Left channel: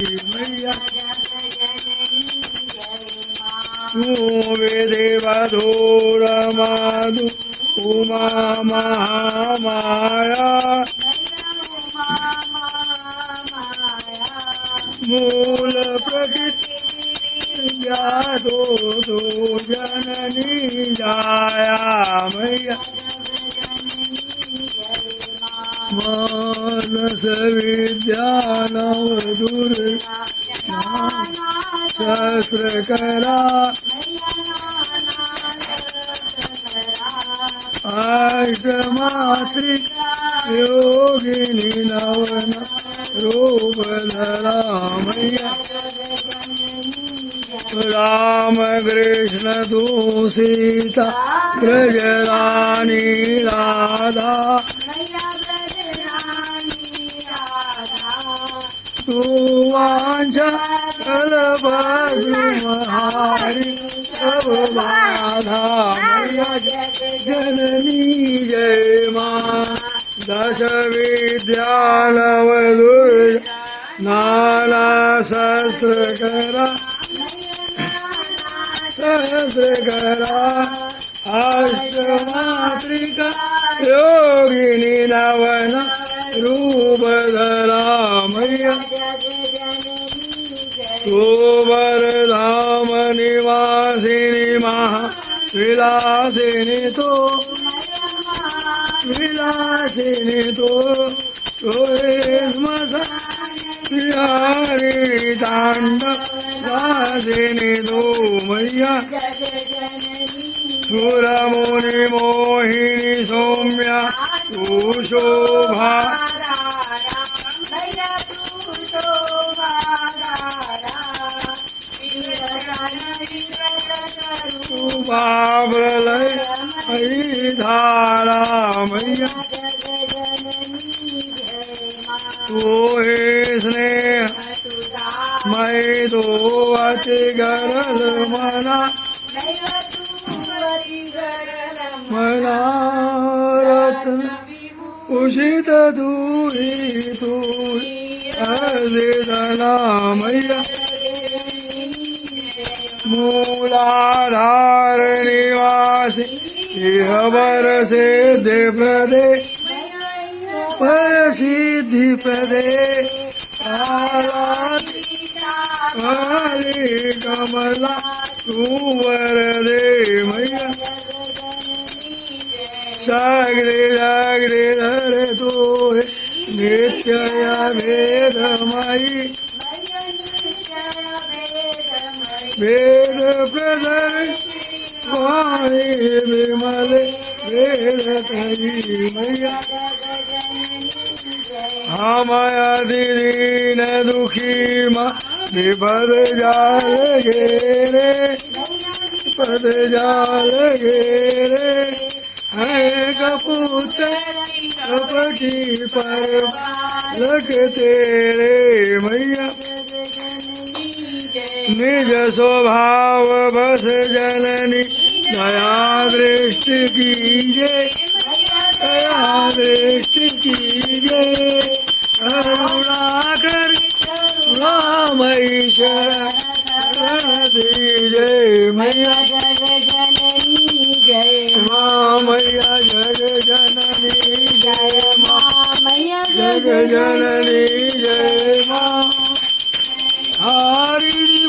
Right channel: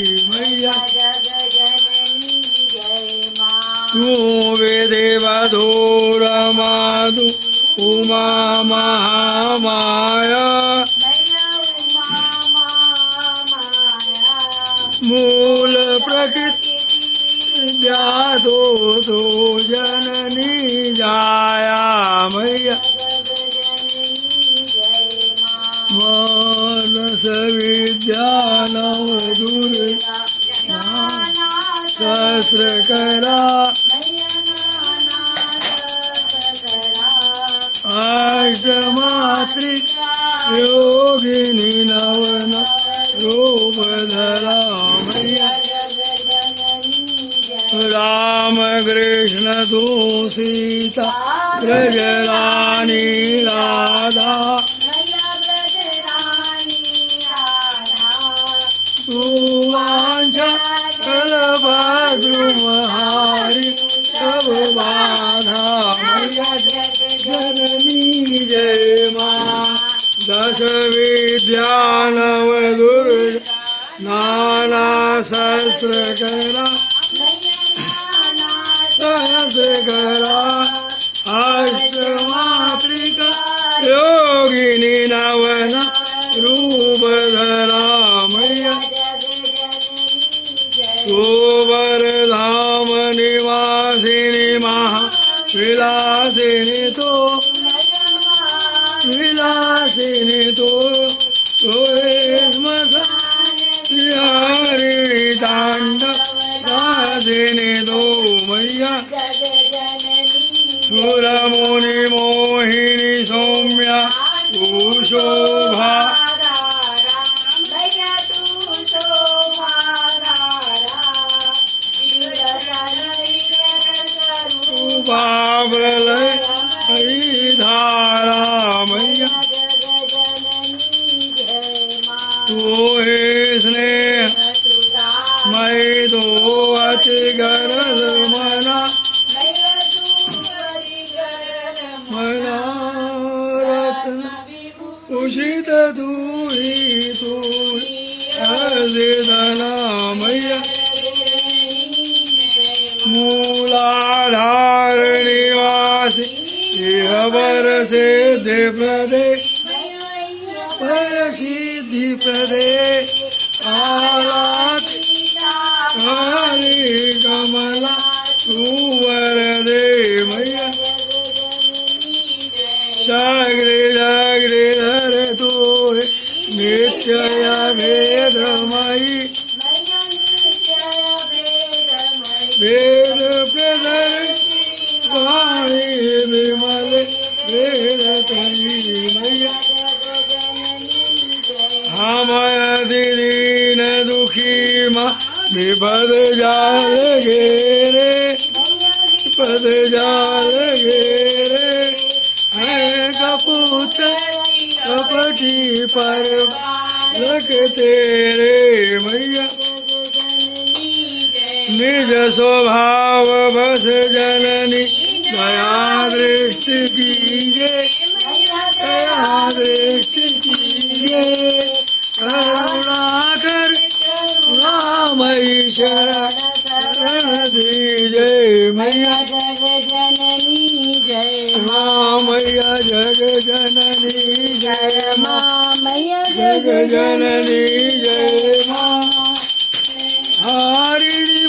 मैया तू वेदे वधूर माधु उमा महामाया मूल प्रकृति व्याधो तो जननी जाया मैया मानस विद्या नवदुर शस्त्र करा अष्टमात्रिक योगिनी नवन रूप धरा मैया राम कृष्ण तू सीता ब्रजरानी राधा तू वांछा बलभद्रुमहारि सब बाधा मैया जननी जय माँ दश विद्या नव दुर्गा नाना शस्त्र करा अष्टमात्रिका योगिनी नवन रूप धरा मैया तो वरधाम निवासिनी महा विलासिनी तो विलासिनी तो हरि तांड राधिनी दो मैया सुर मुनि मोहिनी सौम्या तू शोभा प्रलय धारा मैया तू हे स्नेह मैं तो अति गरल मना मना रत्न उषित दूरी तू अर्धना मैया मूलाधार निवासी इह वर सिद्धि प्रदे पर सिद्धि प्रदे आलात काली कमला तू वरदे मैया जागृति जागृति धर तू नित्य भेदमयी वेद प्रधर वाणी विमल वेद तरी मैया हमया दीन दुखी माँ विपद जाल घेरे पद जाल घेरे है कपूत कपटी पर लग तेरे मैया निज स्वभाव बस जननी दया दृष्टि कीजे दया दृष्टि कीजे करुणाकर रामई शरण दीजे मैया जग जननी जय माँ मैया जग जननी जय माँ मैया जग जननी जय माँ हरि